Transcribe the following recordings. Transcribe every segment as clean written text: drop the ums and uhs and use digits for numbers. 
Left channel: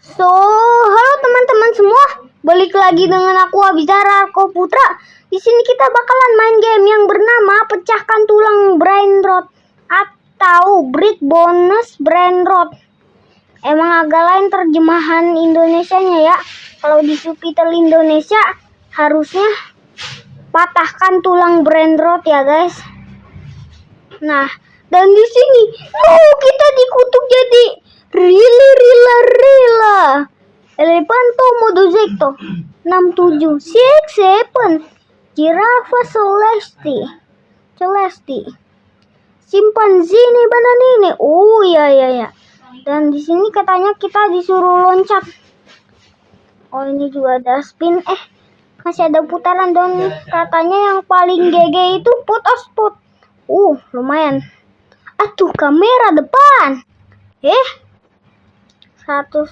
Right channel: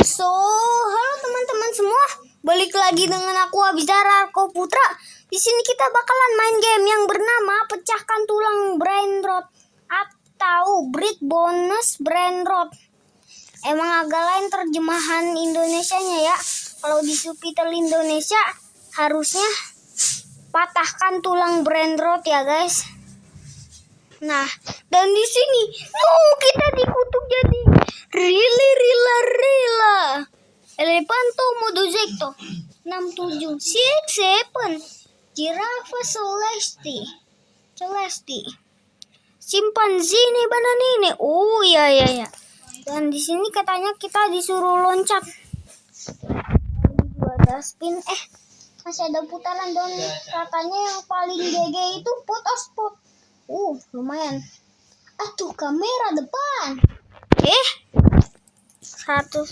So, halo teman-teman semua, balik lagi dengan aku Abizar Arko Putra. Di sini kita bakalan main game yang bernama Pecahkan Tulang Brain Rot atau Brick Bonus Brain Rot. Emang agak lain terjemahan Indonesianya ya. Kalau di subtitle Indonesia harusnya patahkan tulang brain rot ya guys. Nah, dan di sini, kita dikutuk jadi Rila Elefanto Modozecto 6767 Giraffa Celesti Simpanzini Bananini. Oh iya. Dan di sini katanya kita disuruh loncat. Oh, ini juga ada spin. Masih ada putaran dan katanya yang paling GG itu put or spot. Lumayan. Atuh, kamera depan. 100.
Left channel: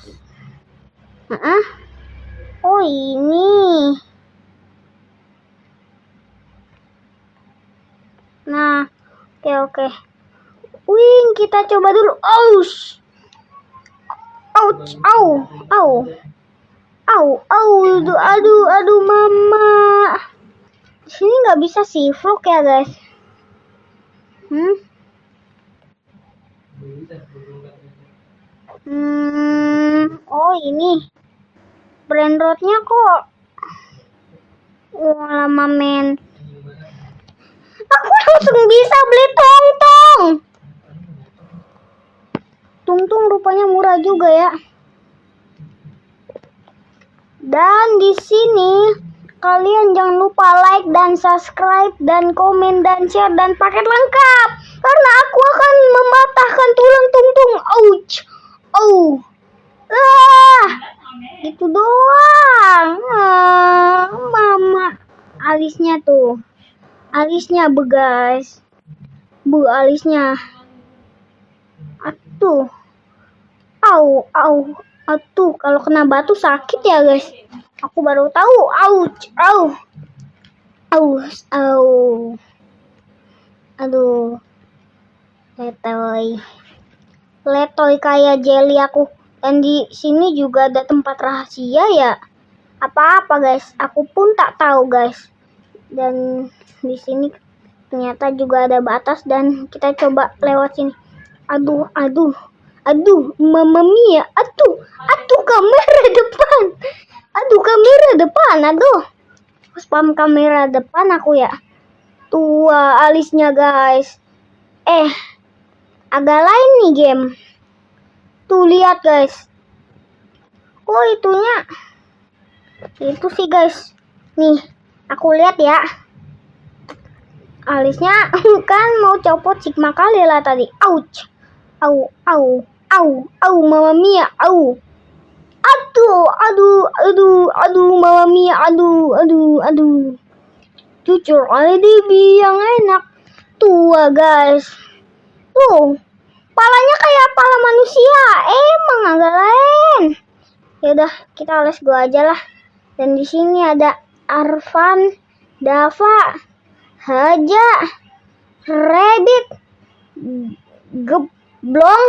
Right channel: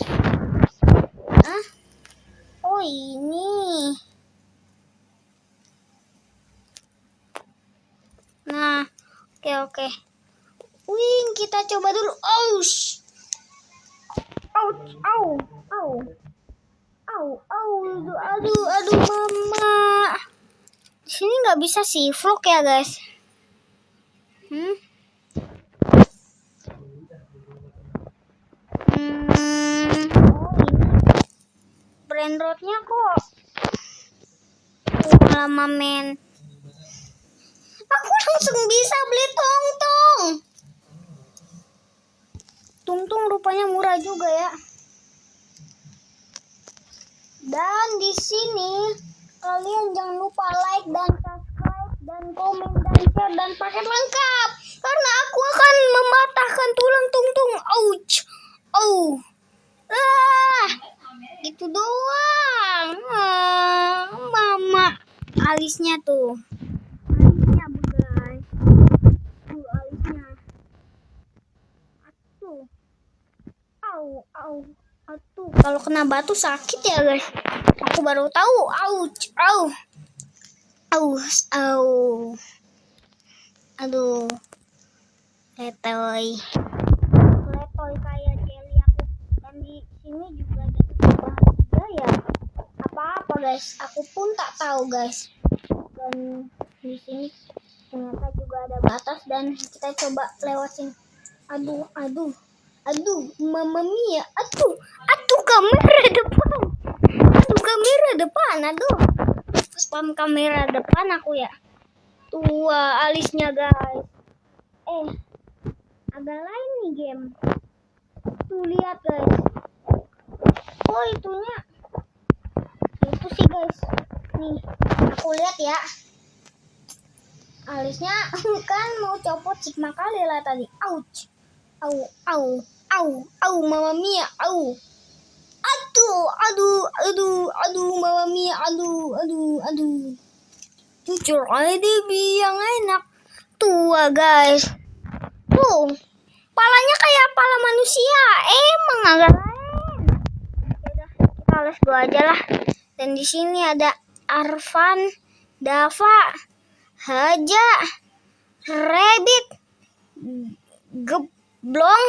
Oh, ini. Nah, oke. Wing, kita coba dulu. Ouch. Aduh, mama. Di sini nggak bisa sih vlog ya guys. Oh, ini brain rotnya kok lama men. Aku langsung bisa beli tungtung rupanya murah juga ya. Dan di sini kalian jangan lupa like dan subscribe dan komen dan share dan paket lengkap karena aku akan mematahkan tulang tungtung. Ouch. Gitu doang. Mama, alisnya begas. Alisnya. Atuh, kalau kena batu sakit ya guys. Aku baru tahu. Aduh. Letoy kayak jelly aku. Dan di sini juga ada tempat rahasia ya. Apa guys? Aku pun tak tahu guys. Dan di sini ternyata juga ada batas dan kita coba lewat sini. Aduh, Mamma Mia. Aduh, kamera depan. Spam kamera depan aku ya. Tua alisnya guys. Agak lain nih game. Tuh lihat guys. Oh, itunya. Itu sih guys. Nih, aku lihat ya. Alisnya kan mau copot Sigma kali lah tadi. Ouch. Mamma Mia. Aduh, Mamma Mia. Aduh. Jujur IDB yang enak. Tua guys. Palanya kayak pala manusia. Emang agak lain. Yaudah, kita let's go aja lah. Dan di sini ada Arfan, Dava, Haja, Reddit, Geblong,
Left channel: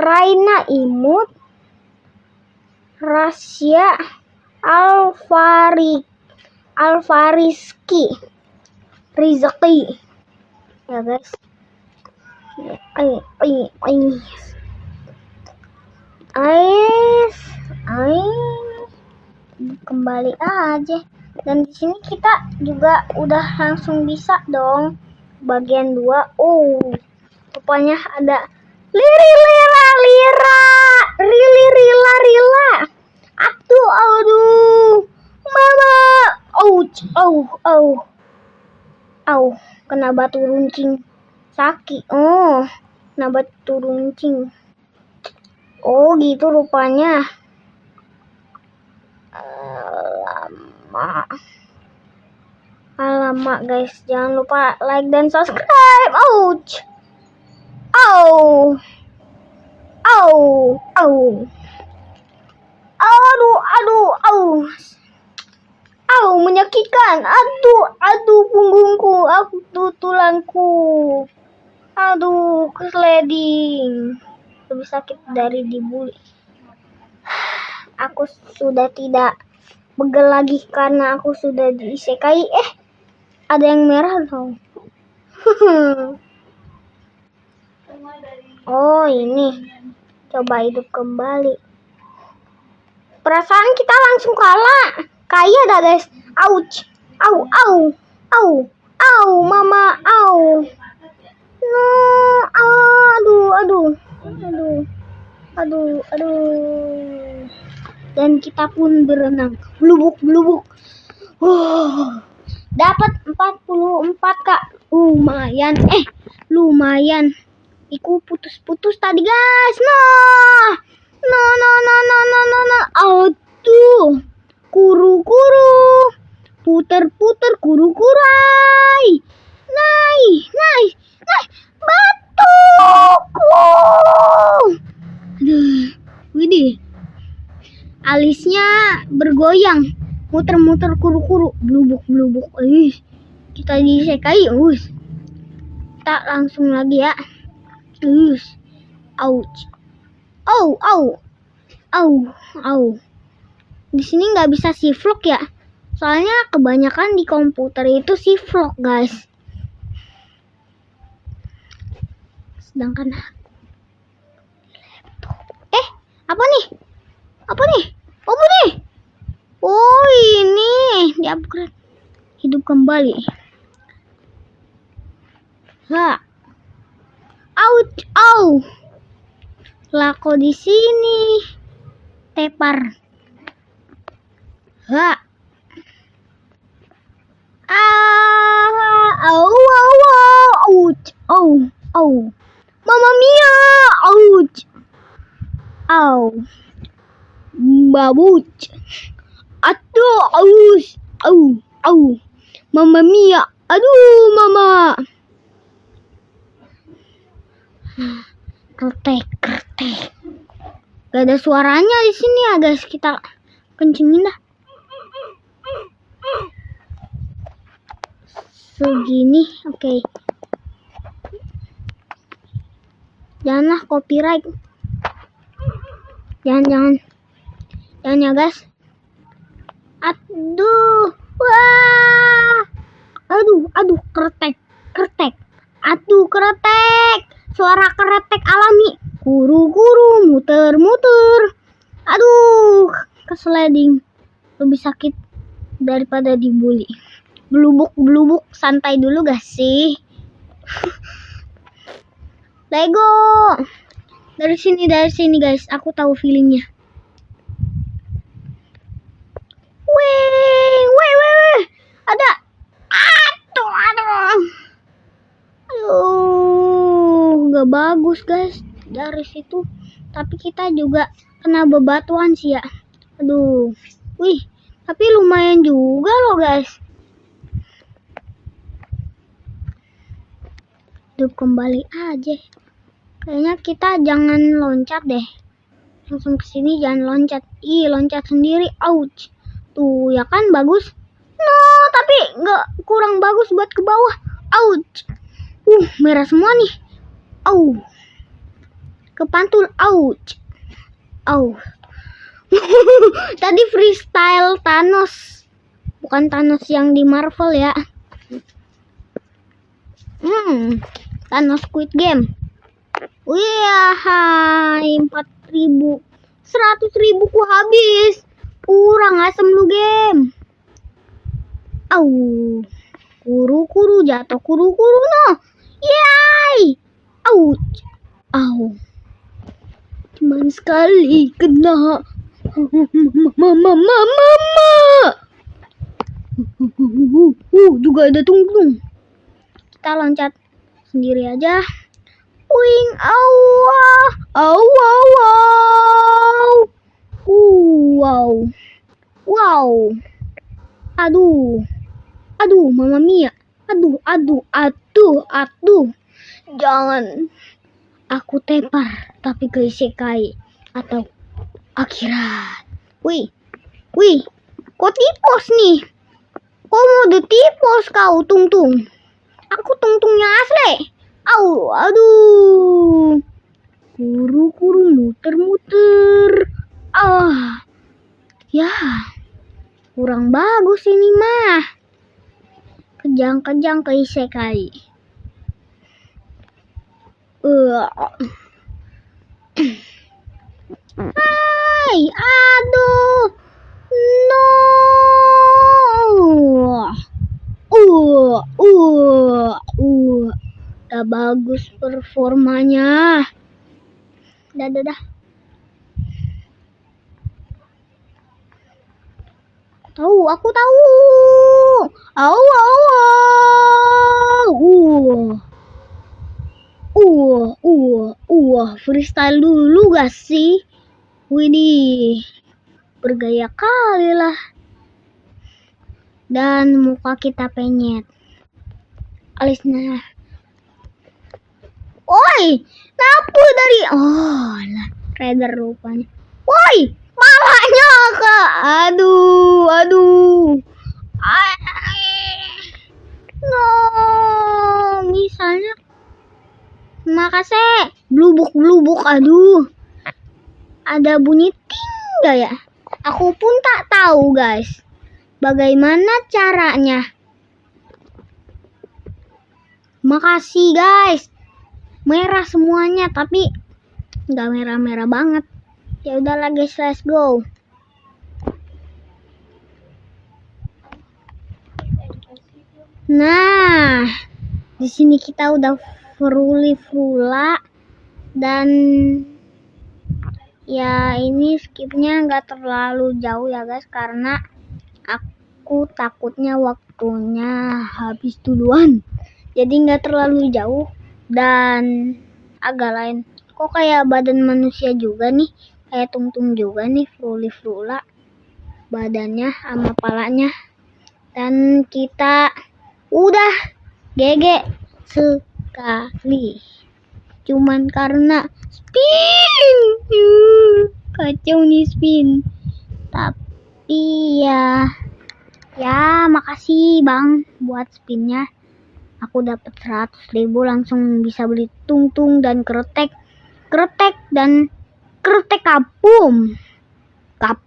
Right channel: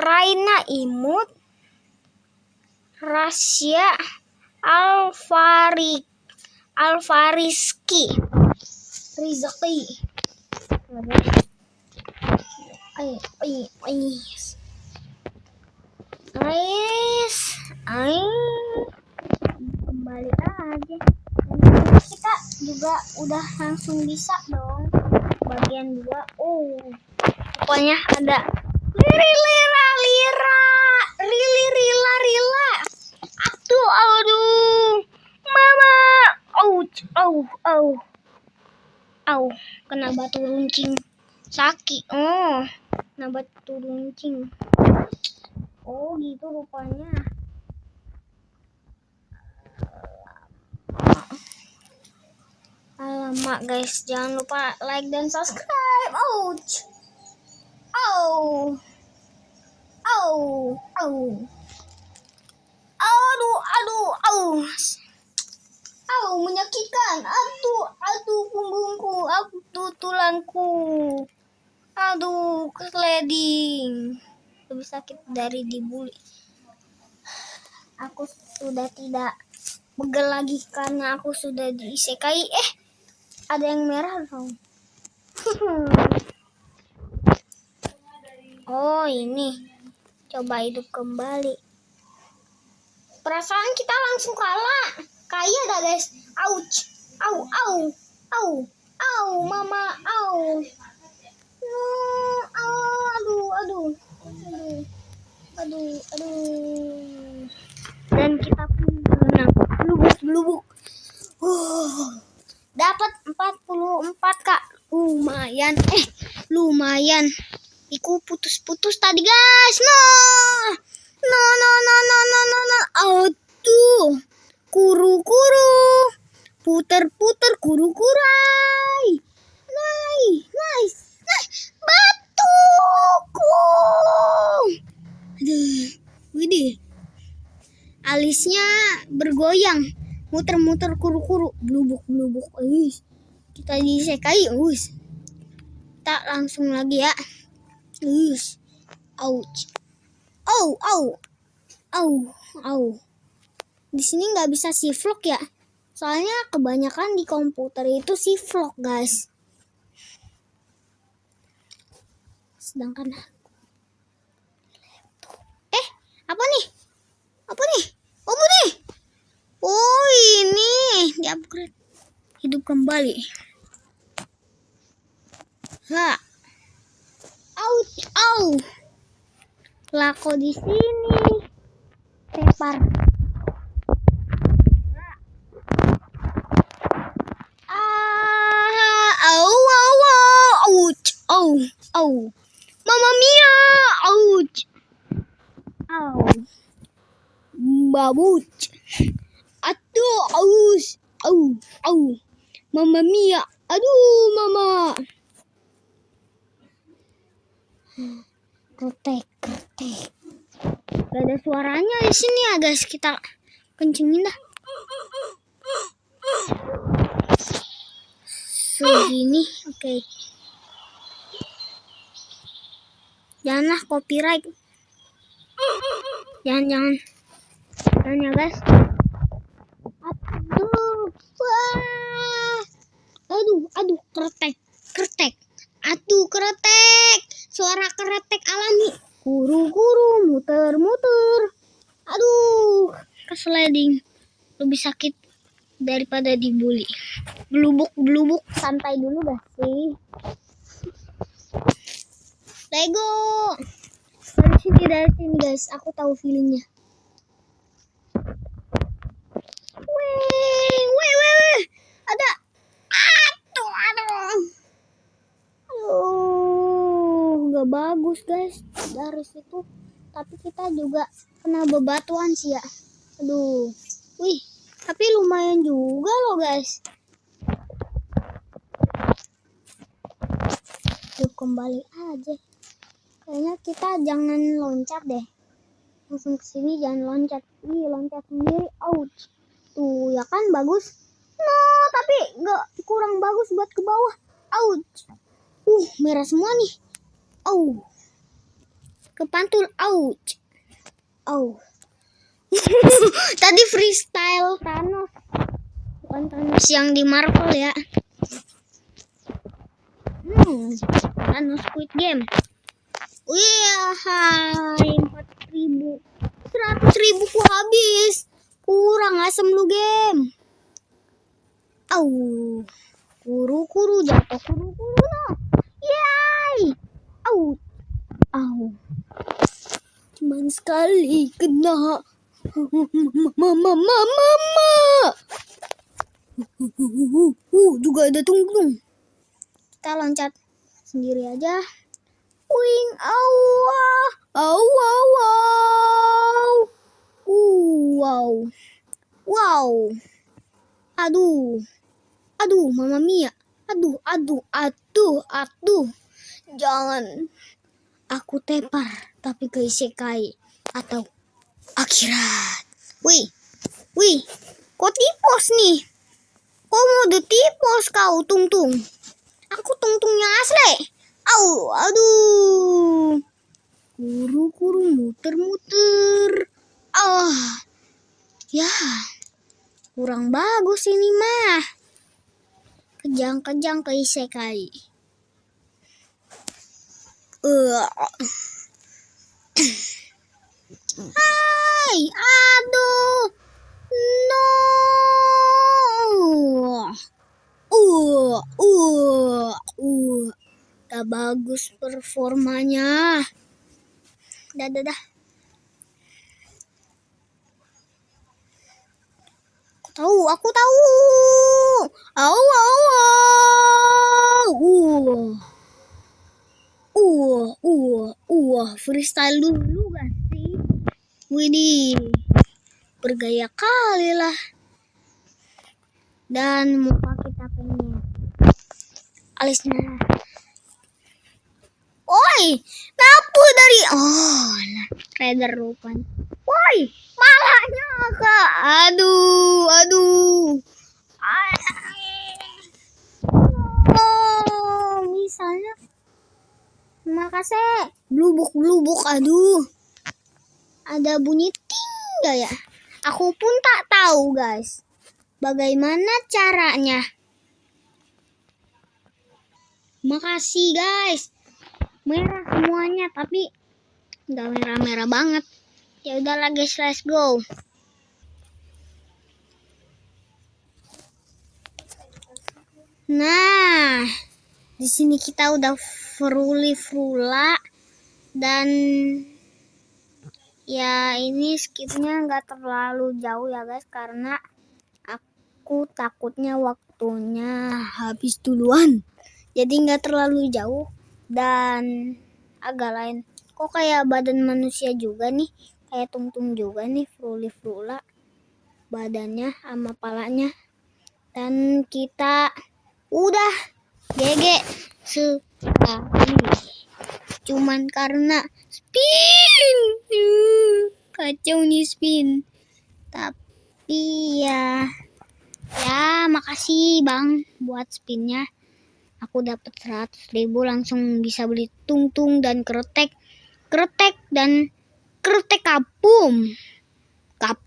Raina Imut, Rasya, Alfariski, Rizki. Ya guys. Kembali aja. Dan di sini kita juga udah langsung bisa dong bagian 2. Rupanya ada Rila. Aduh, mama. Kena batu runcing. Sakit. Kena batu runcing. Gitu rupanya. Alamak guys, jangan lupa like dan subscribe. Ouch. Menyakitkan. Aduh punggungku, tulangku. Aduh, sliding. lebih sakit dari dibully. Aku sudah tidak begel lagi karena aku sudah diisekai. Ada yang merah dong. Oh ini, coba hidup kembali. Perasaan kita langsung kalah. Kayak dah guys. Ouch. Au, au, au, au, mama, au. No, aduh, aduh, aduh, aduh, aduh. Dan kita pun berenang. Blubuk, blubuk. Dapat 44 kak. Lumayan. Lumayan. Iku putus-putus tadi guys. No. Aduh. Kuru-kuru. Puter-puter kuru-kurai. Nice. Batuku. Aduh. Widih. Alisnya bergoyang. Muter-muter kuru-kuru. Blubuk-blubuk. Kita disekai. Kita langsung lagi ya. Ouch. Au. Di sini nggak bisa vlog ya. Soalnya kebanyakan di komputer itu vlog guys. Sedangkan apa nih? Oh ini di upgrade. Hidup kembali. Au. Lako di sini. Tepar. Ouch. Mamma mia. Ouch. Au. Babuch. Aduh, aus. Au. Mamma mia. Aduh, mama. Kretek. Gak ada suaranya di sini ya guys. Kita kencingin dah. Segini, oke. Janganlah copyright. Jangan ya guys. Aduh. Wah. Aduh, kretek. Aduh, kretek. Suara kretek alami. Guru-guru muter-muter. Aduh, kesliding. Lebih sakit daripada dibully. Blubuk, santai dulu gak sih? Lego. Dari sini guys, aku tahu feelingnya. Wih. Ada. Aduh, gak bagus guys dari situ. Tapi kita juga kena bebatuan sih ya. Aduh, wih. Tapi lumayan juga loh guys. Hidup kembali aja. Kayaknya kita jangan loncat deh. Langsung ke sini jangan loncat. Loncat sendiri. Ouch. Tuh ya kan bagus. No, tapi nggak kurang bagus buat ke bawah. Ouch. Merah semua nih. Au. Kepantul. Ouch. Au. Tadi freestyle Thanos. Bukan Thanos yang di Marvel ya. Thanos Squid Game. Wih, 4.000. 100.000 ku habis. Kurang asem lu game. Au. Kuru-kuru jatuh kuru-kuru no. Yay. Ouch. Au. Cuman sekali kena. Mama. Juga ada tungtung. Kita loncat sendiri aja. Wing, wow. Aduh, Mama Mia. Aduh. Jangan. Aku tepar, tapi ke isekai atau akhirat. Wih. Kok tipos nih? Kok mode tipos kau, Tungtung? Aku tungtungnya asli. Aduh. Kuru-kuru muter-muter. Ya, kurang bagus ini mah. Kejang-kejang ke isekai. Hai, aduh. No. Gak bagus performanya. Dah. Aku tahu. Freestyle dulu gak sih? Widih, bergaya kali lah. Dan muka kita penyet. Alisnya. Woi, napu dari Raider rupanya. Woi, malahnya kak. Aduh. No, misalnya. Makasih. Blubuk. Aduh. Ada bunyi ting gak ya? Aku pun tak tahu guys. Bagaimana caranya? Makasih guys. Merah semuanya tapi nggak merah-merah banget. Ya udahlah guys, let's go. Nah, di sini kita udah frula dan ya ini skipnya nggak terlalu jauh ya guys, karena aku takutnya waktunya habis duluan. Jadi nggak terlalu jauh dan agak lain. Kok kayak badan manusia juga nih, kayak tungtung juga nih, frula badannya sama palanya. Dan kita udah GG sekali. Cuman karena spin. Kacau nih spin. Tapi ya makasih bang buat spinnya. Aku dapat 100.000 langsung bisa beli tungtung dan kretek dan kretek kapum. Kayak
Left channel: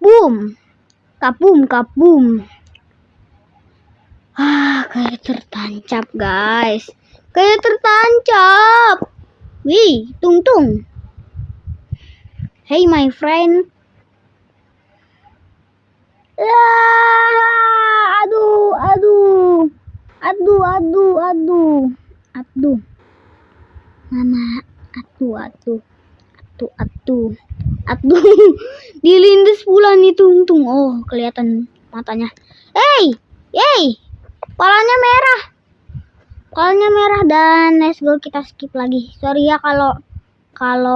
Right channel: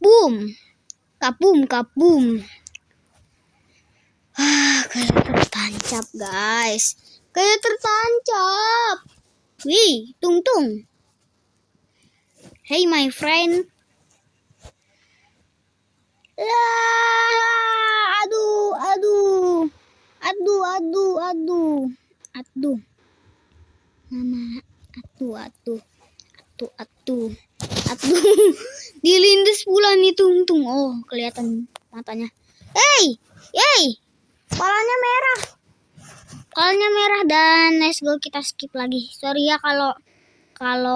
tertancap guys. Wih, tungtung. Hey my friend. Aduh. Mama, aduh. Dilindes pula nih tungtung. Oh, kelihatan matanya. Hey. Palanya merah dan let's go, kita skip lagi. Sorry ya kalau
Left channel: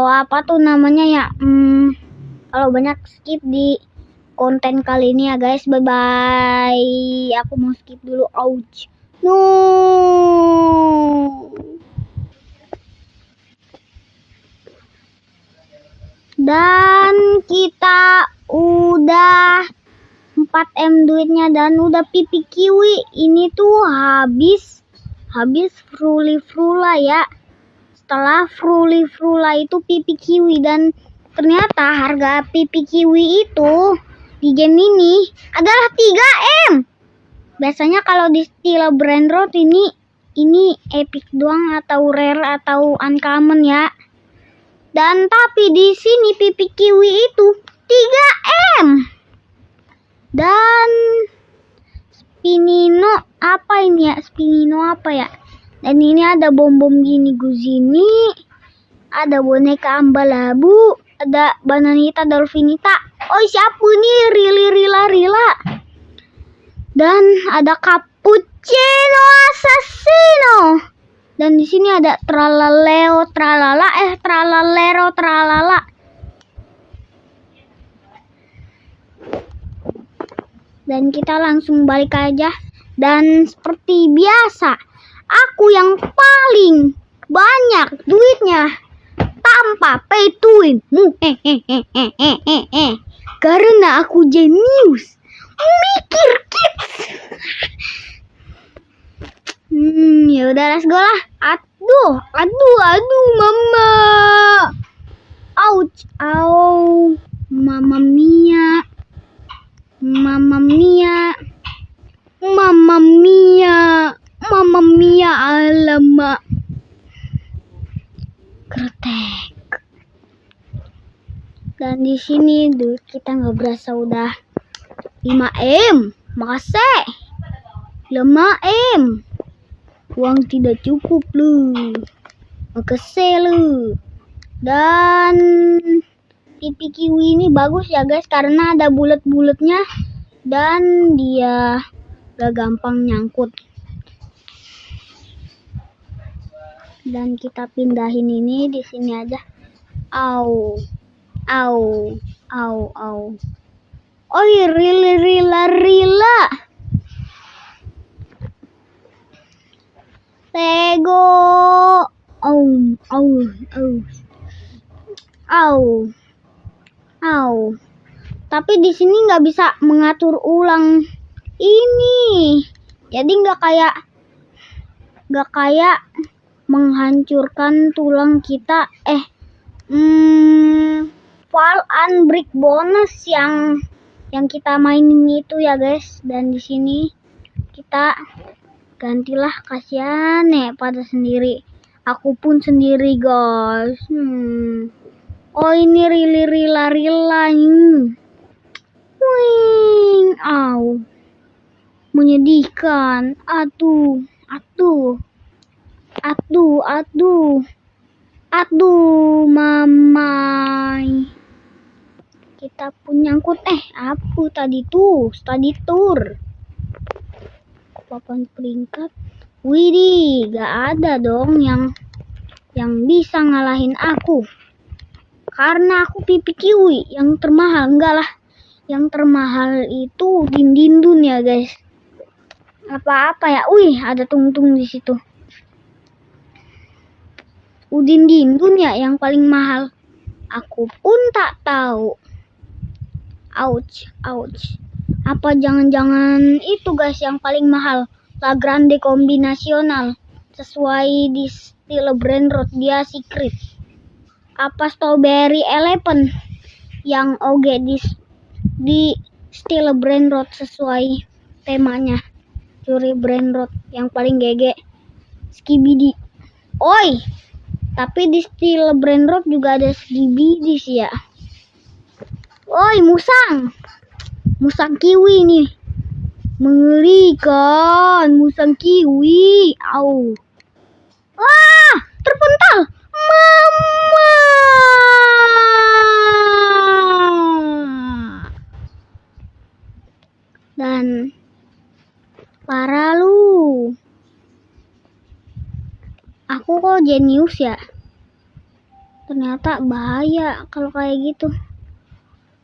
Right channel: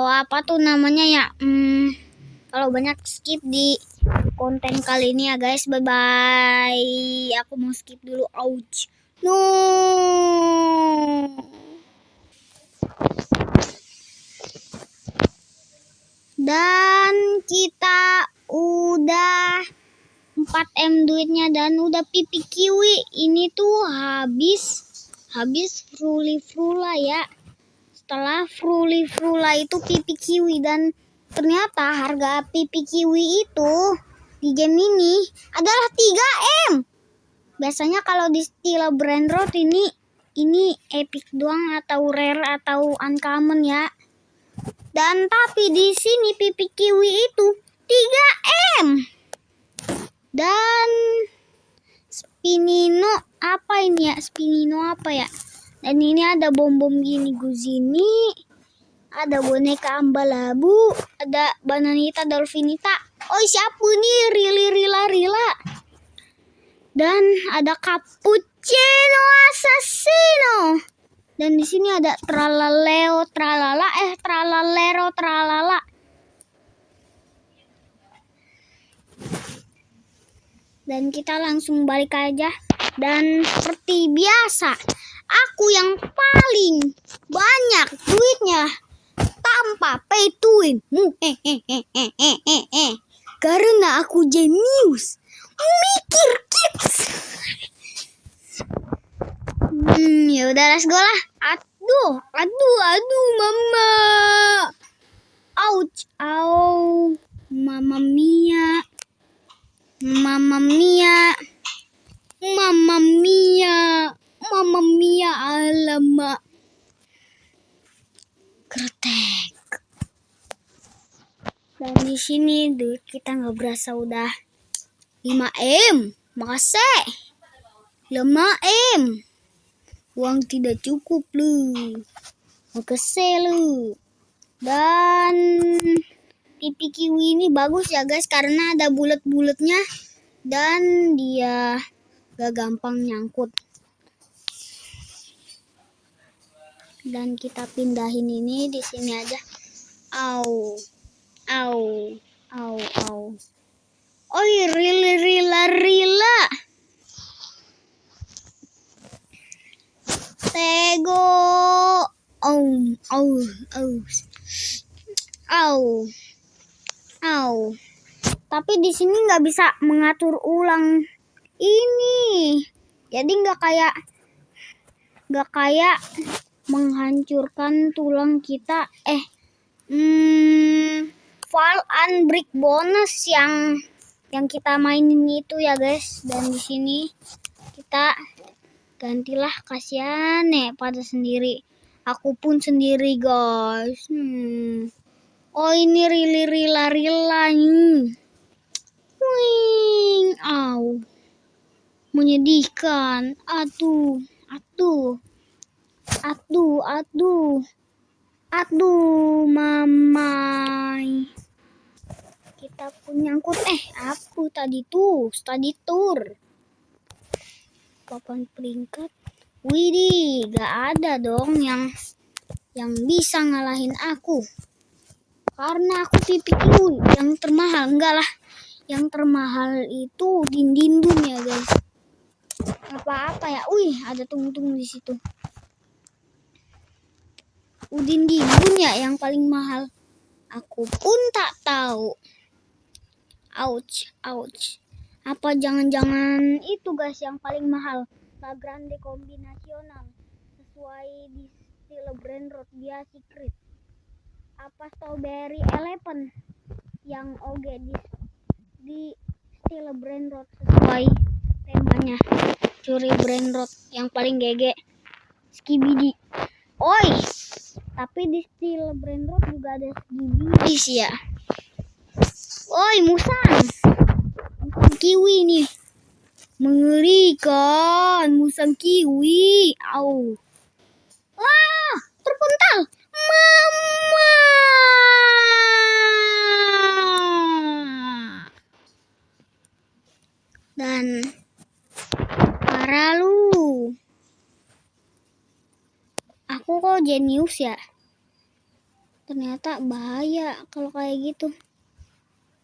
apa tuh namanya ya. Kalau banyak skip di konten kali ini ya guys. Bye bye. Aku mau skip dulu. Ouch. No. Dan kita udah 4M duitnya dan udah pipi kiwi. Ini tuh habis frula ya. Setelah frula itu pipi kiwi, dan ternyata harga pipi kiwi itu di game ini adalah 3M. Biasanya kalau di Stila Brand Road ini epic doang atau rare atau uncommon ya. Dan tapi di sini pipi kiwi itu 3M. Dan Spinino apa ya? Dan ini ada bom gini Guzini, ada boneka Ambalabu, ada Bananita Dolfinita. Oh siapa nih? Rila. Dan ada Cappuccino Assassino. Dan di sini ada Tralalero Tralala. Dan kita langsung balik aja. Dan seperti biasa, aku yang paling banyak duitnya tanpa pay to win. Karena aku jenius. Mikir kids. Ya udah let's go lah. Aduh mama. ouch, au, mamma mia, mamma mia, mamma mia, mamma mia, alamak, kretek. Dan di sini duit kita nggak berasa udah 5M, makasih. 5M. Uang tidak cukup lu. Makasih lu. Dan pipi kiwi ini bagus ya guys karena ada bulat-bulatnya dan dia gak gampang nyangkut. Dan kita pindahin ini di sini aja. Au. Au. Au, au. Oi, rila. Tego. Au, au, au. Au. Au. Tapi di sini nggak bisa mengatur ulang ini. Jadi nggak kayak menghancurkan tulang kita. Fall and break bonus yang kita mainin itu ya guys. Dan di sini kita gantilah, kasihan pada sendiri. Aku pun sendiri guys. Oh ini rila nih. Wing, au. Menyedihkan. Aduh. Aduh, mamai. Kita pun nyangkut. Apa tadi tuh? Study tour. Papan peringkat. Widih, gak ada dong yang bisa ngalahin aku. Karena aku pipi kiwi yang termahal. Enggak lah. Yang termahal itu dindindun ya guys. Apa-apa ya. Wih, ada tungtung di situ. Udin dindun ya yang paling mahal. Aku pun tak tahu. Ouch. Apa jangan-jangan itu guys yang paling mahal? La Grande Kombinasional. Sesuai di Steel Brand Road dia secret. Apa Strawberry Eleven yang oge di Steel Brand Road sesuai temanya. Curi Brand Road yang paling GG. Skibidi. Oi. Tapi di Steel Brand Road juga ada Skibidi sih ya. Oi, musang kiwi nih. Mengerikan, musang kiwi. Au. Wah, terpental. Mama. Dan parah lu. Aku kok jenius ya. Ternyata bahaya kalau kayak gitu.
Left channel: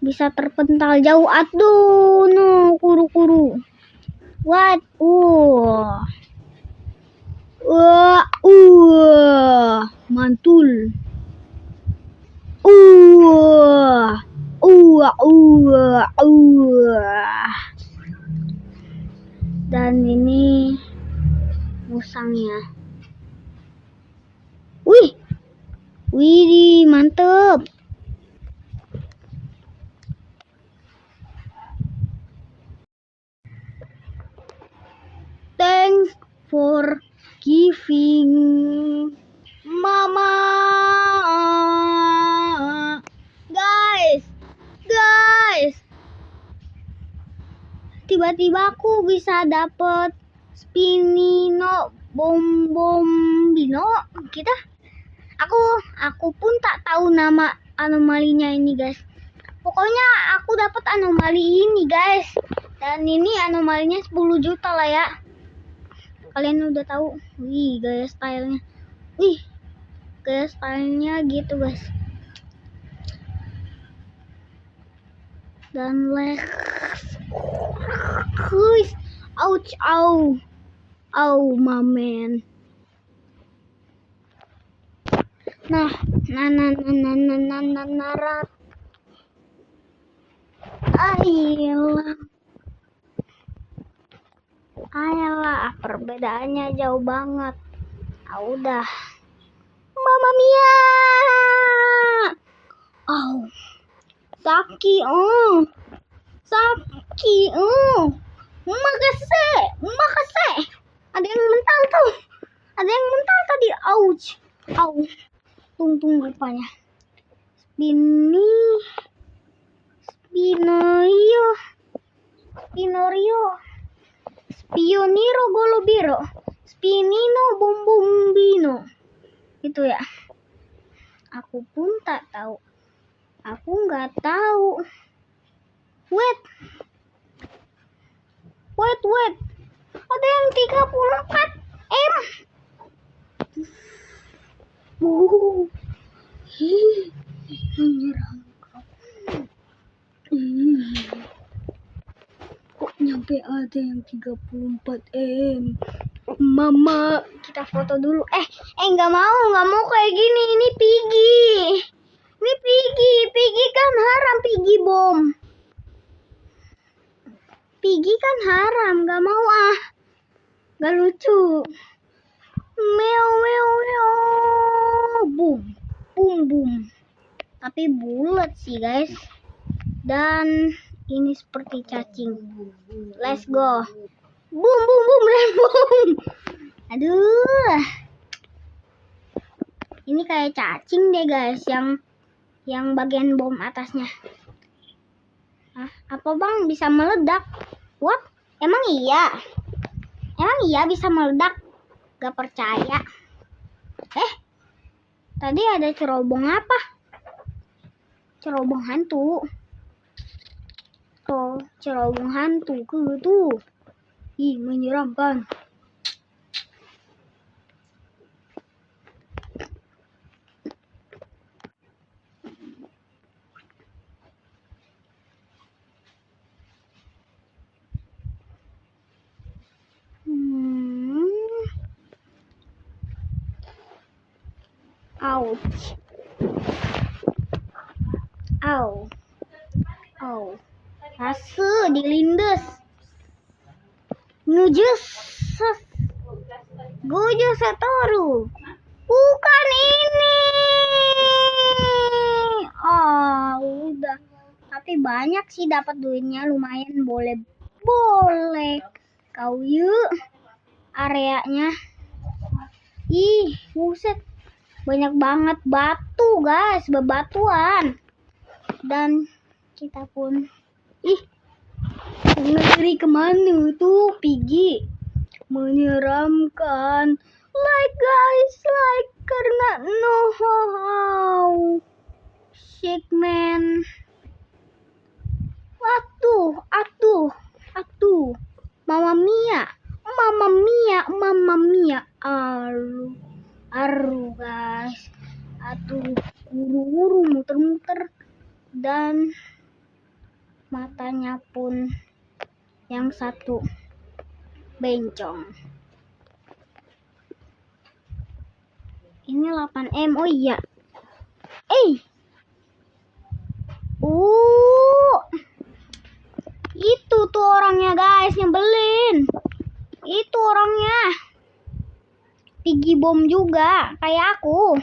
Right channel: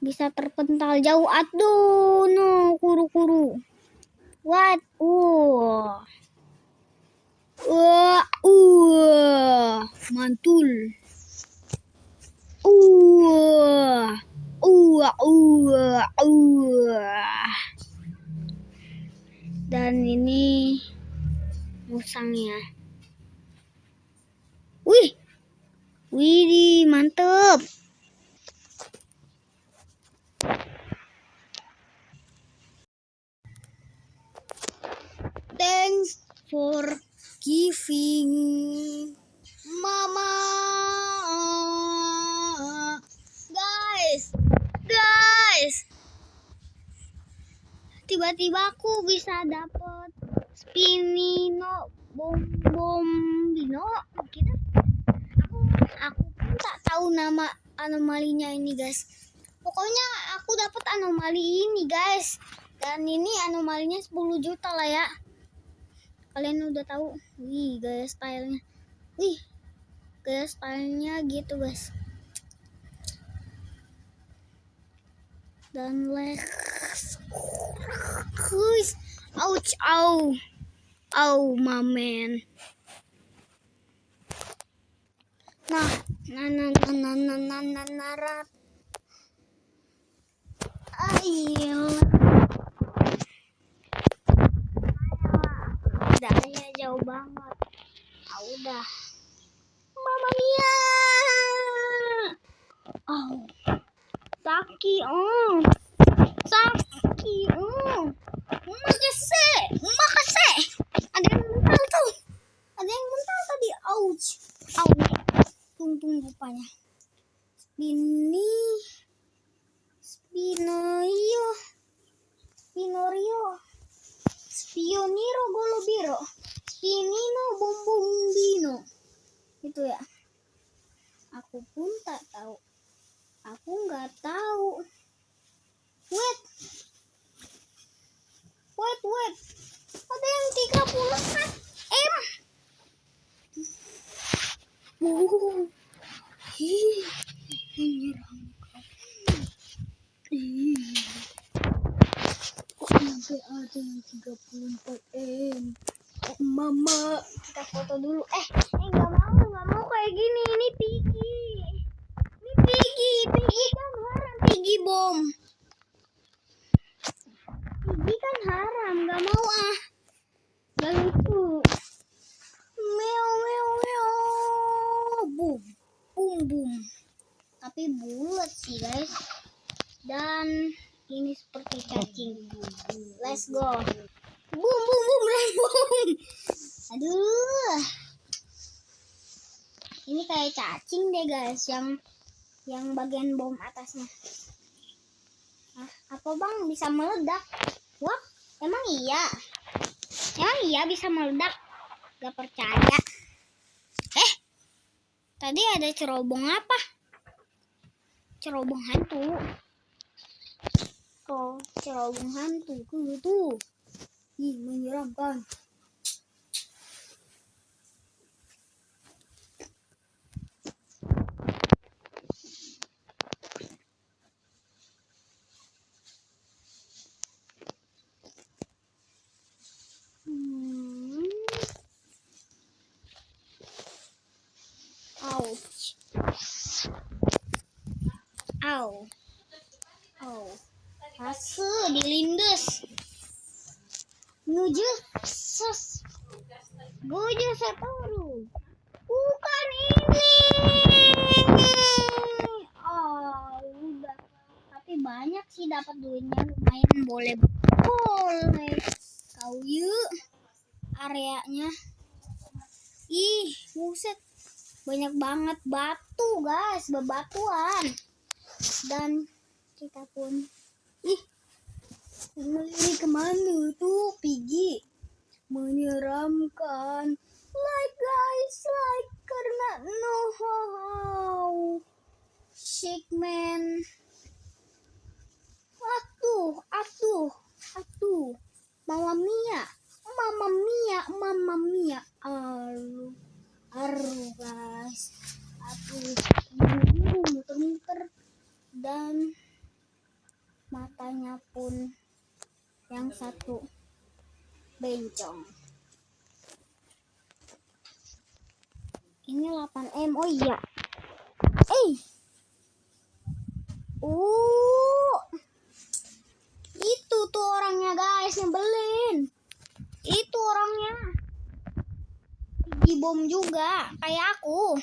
Bisa terpental jauh. Aduh, no, kuru. What? Mantul. Dan ini musangnya. Wih, mantep. Thanks for giving, Mama. Guys. Tiba-tiba aku bisa dapet Spinino Bombino kita. Aku pun tak tahu nama anomalinya ini guys. Pokoknya aku dapat anomali ini guys. Dan ini anomalinya 10 juta lah ya. Kalian udah tahu. Wih, gaya stylenya. Gaya stylenya gitu guys. Dan ouch, au, mamen. Nah, narat. Ayolah, perbedaannya jauh banget. Udah. Mamma mia. Au. Sakit. Sakit. Makasih. Ada yang mental tuh. Ada yang mental tadi. Ouch. Au. Tung rupanya. Spinorio. Spioniro golobiro. Spinino bombombino. Itu ya. Aku pun tak tahu. Aku nggak tahu. Wait. Ada yang 34 M. Menyeramkan. Kok nyampe ada yang 34 M? Mama, kita foto dulu. Nggak mau kayak gini. Ini Piggy kan haram, Piggy bom. Piggy kan haram, nggak mau nggak lucu. Meow. Boom. Tapi bulat sih guys. Dan ini seperti cacing. Let's go. Boom. Aduh. Ini kayak cacing deh guys, yang bagian bom atasnya. Apa bang bisa meledak? What? Emang iya bisa meledak? Gak percaya. Tadi ada cerobong apa? Cerobong hantu. Oh, cerobong hantu tuh. Ih, menyeramkan. Ouch. Asu dilindes. Gojo Satoru. Bukan ini. Udah. Tapi banyak sih dapat duitnya, lumayan. Boleh. Kau yuk areanya. Ih, buset. Banyak banget batu, guys. Bebatuan. Dan kita pun ngeri kemana tuh Piggy. Menyeramkan. Like guys, karena no how. Shake man. Atuh. Mama Mia. Aru guys. Atuh, buru muter-muter. Dan matanya pun yang satu bencong. Ini 8M. Oh iya. Itu tuh orangnya guys, nyebelin. Itu orangnya. Piggy bom juga kayak aku.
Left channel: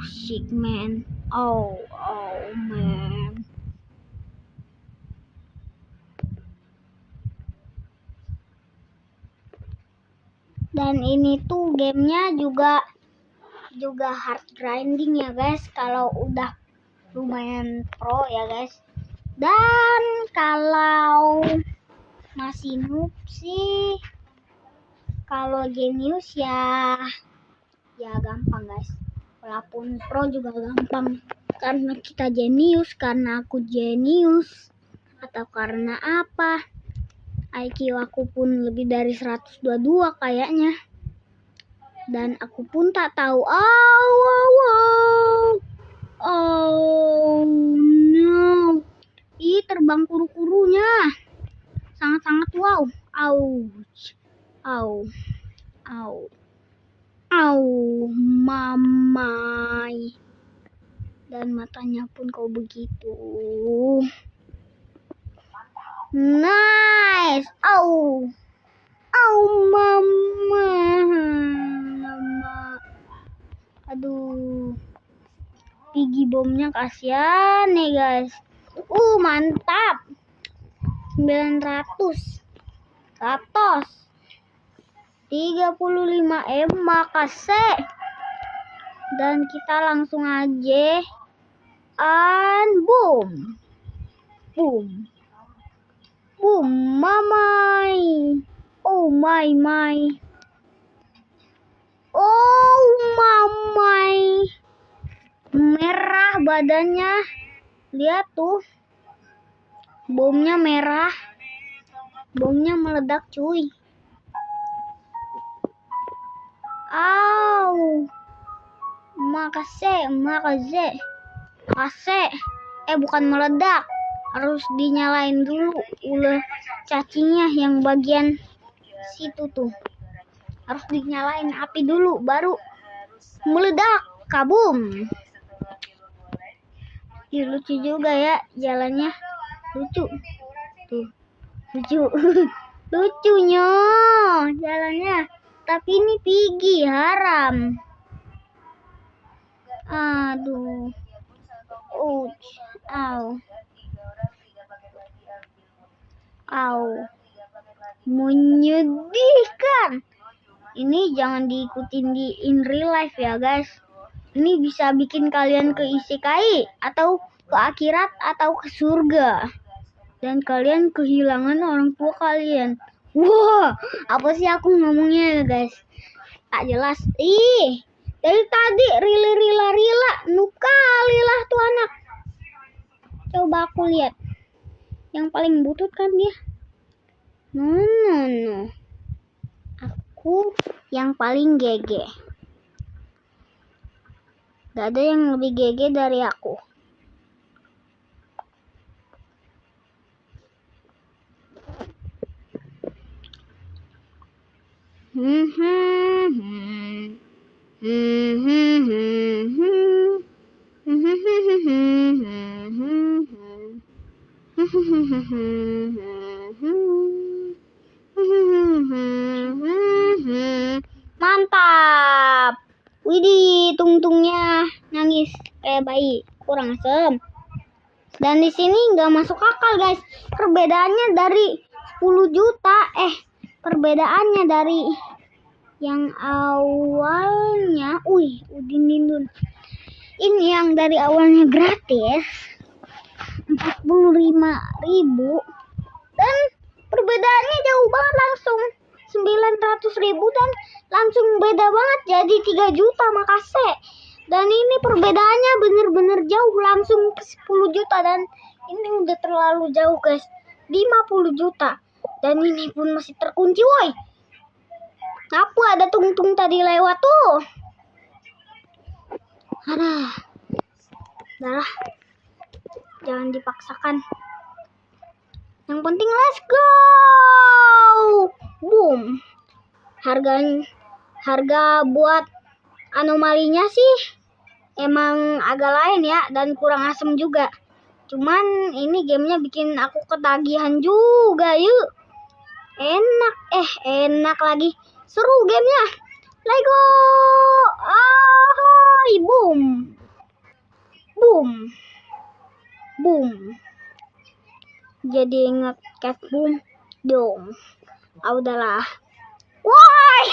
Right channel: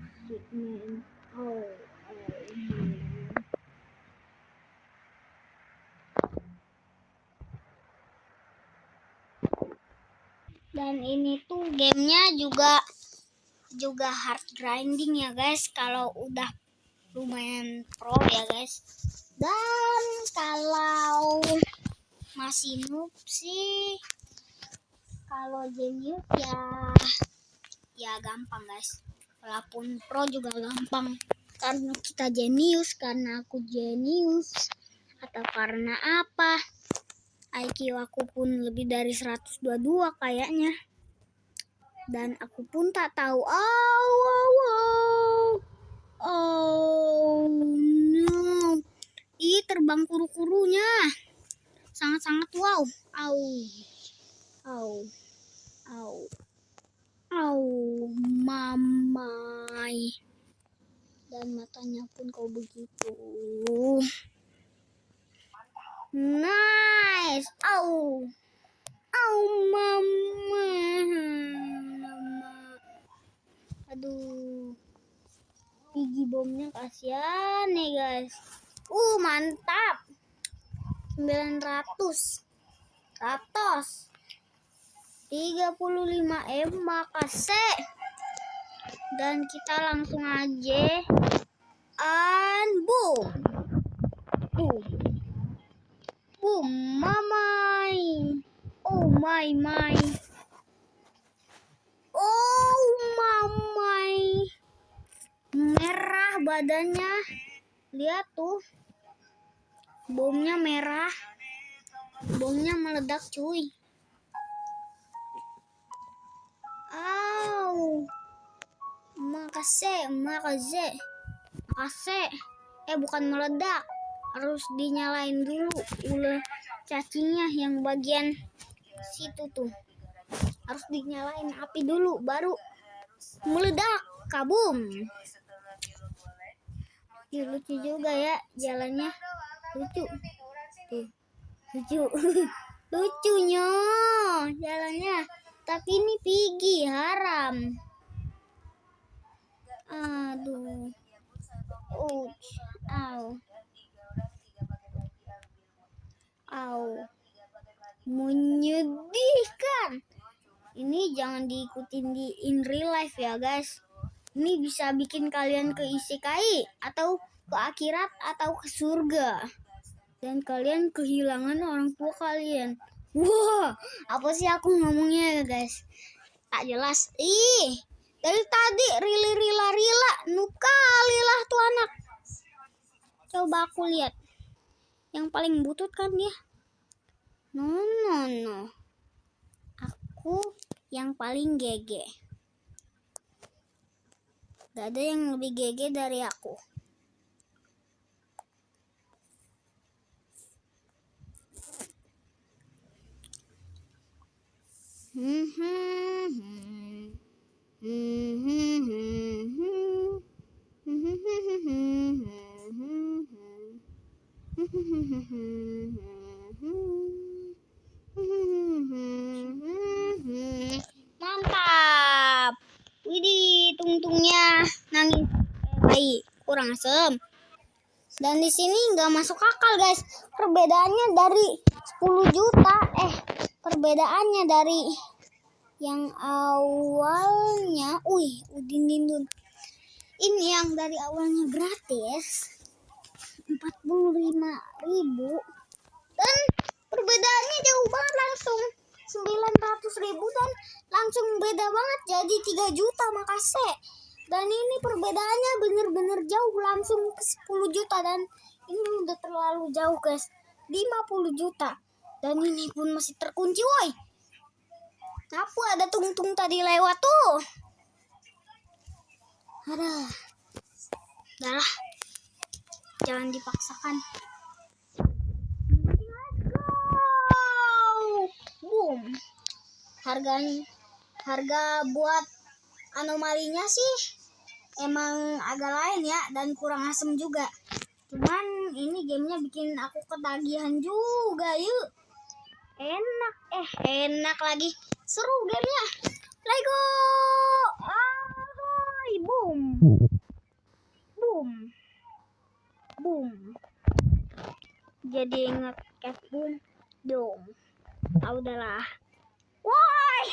Shit man. Man. Dan ini tuh gamenya juga hard grinding ya guys, kalau udah lumayan pro ya guys. Dan kalau masih noob sih, kalau genius ya gampang guys. Walaupun pro juga gampang, karena kita jenius, karena aku jenius, atau karena apa, IQ aku pun lebih dari 122 kayaknya. Dan aku pun tak tahu. Oh no. Terbang kuru-kurunya. Sangat-sangat wow. Mamai. Dan matanya pun kau begitu. Nice. Oh mama. Mama. Aduh. Piggy bomnya kasihan nih guys. Mantap. 900. 35 makasih. Dan kita langsung aja boom. Boom. Boom mamai. Oh my. Oh mamai. Merah badannya. Lihat tuh. Bomnya merah. Bomnya meledak cuy. Makasih. Bukan meledak. Harus dinyalain dulu ulah cacingnya yang bagian situ tuh. Harus dinyalain api dulu baru meledak. Kabum. Lucu juga ya jalannya. Lucu. Tuh. Lucu. Lucunya jalannya. Tapi ini Piggy haram. Aduh. Menyedihkan. Ini jangan diikutin di in real life ya guys. Ini bisa bikin kalian ke isekai atau ke akhirat atau ke surga. Dan kalian kehilangan orang tua kalian. Wah, apa sih aku ngomongnya guys? Tak jelas. Dari tadi rila. Nukalilah tuh anak. Coba aku lihat. Yang paling butut kan dia. No. Aku yang paling gege. Gak ada yang lebih gege dari aku. Mantap. Widih, tungtungnya nangis kayak bayi, kurang asem. Dan di sini nggak masuk akal guys. Perbedaannya dari 10 juta. Perbedaannya dari yang awalnya, Udin Dindun. Ini yang dari awalnya gratis 45.000 dan perbedaannya jauh banget, langsung 900.000 dan langsung beda banget jadi 3 juta makasih. Dan ini perbedaannya bener-bener jauh, langsung ke 10 juta dan ini udah terlalu jauh guys, 50 juta. Dan ini pun masih terkunci woi. Apa ada tungtung tadi lewat tuh. Udah, jangan dipaksakan. Yang penting let's go. Boom. Harga buat anomalinya sih emang agak lain ya dan kurang asem juga. Cuman ini gamenya bikin aku ketagihan juga yuk. Enak lagi. Seru gamenya. Let's go. Boom. Jadi nge-cat boom dong. Udahlah. Wah,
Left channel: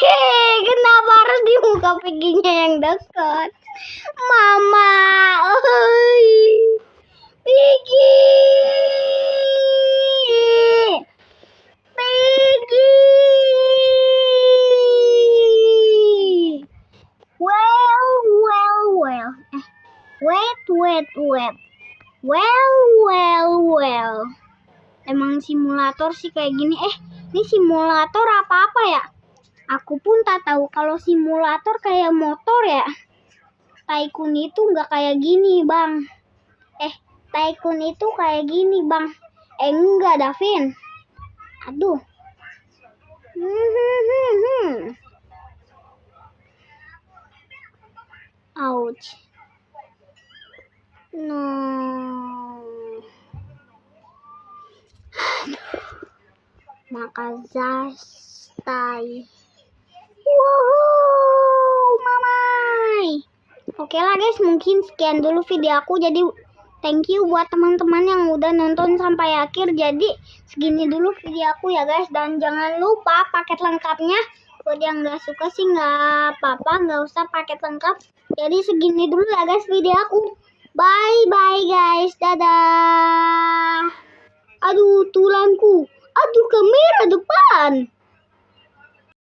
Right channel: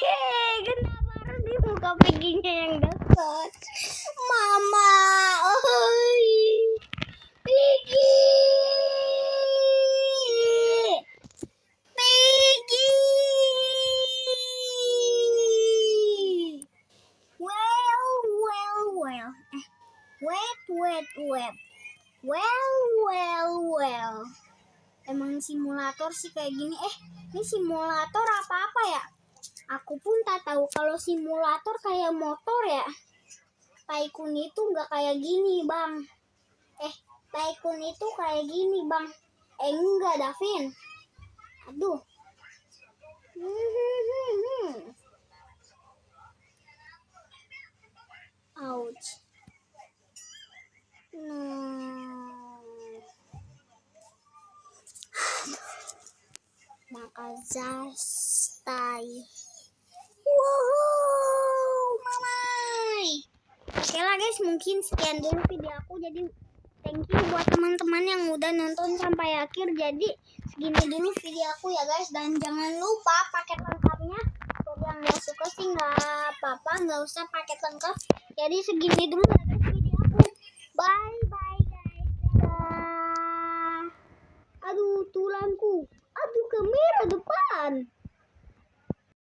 kenapa harus dibuka Piggy-nya yang dekat? Mama, Piggy. Well. Emang simulator sih kayak gini. Ini simulator apa ya? Aku pun tak tahu kalau simulator kayak motor ya. Tycoon itu nggak kayak gini, Bang. Tycoon itu kayak gini, Bang. Enggak, Davin. Aduh. Ouch. No. Makasih. santai. Wow, mamai. Oke lah guys, mungkin sekian dulu video aku. Jadi thank you buat teman-teman yang udah nonton sampai akhir. Jadi segini dulu video aku ya guys. Dan jangan lupa paket lengkapnya. Buat yang nggak suka sih nggak apa-apa, nggak usah paket lengkap. Jadi segini dulu ya guys video aku. Bye bye guys, dadah.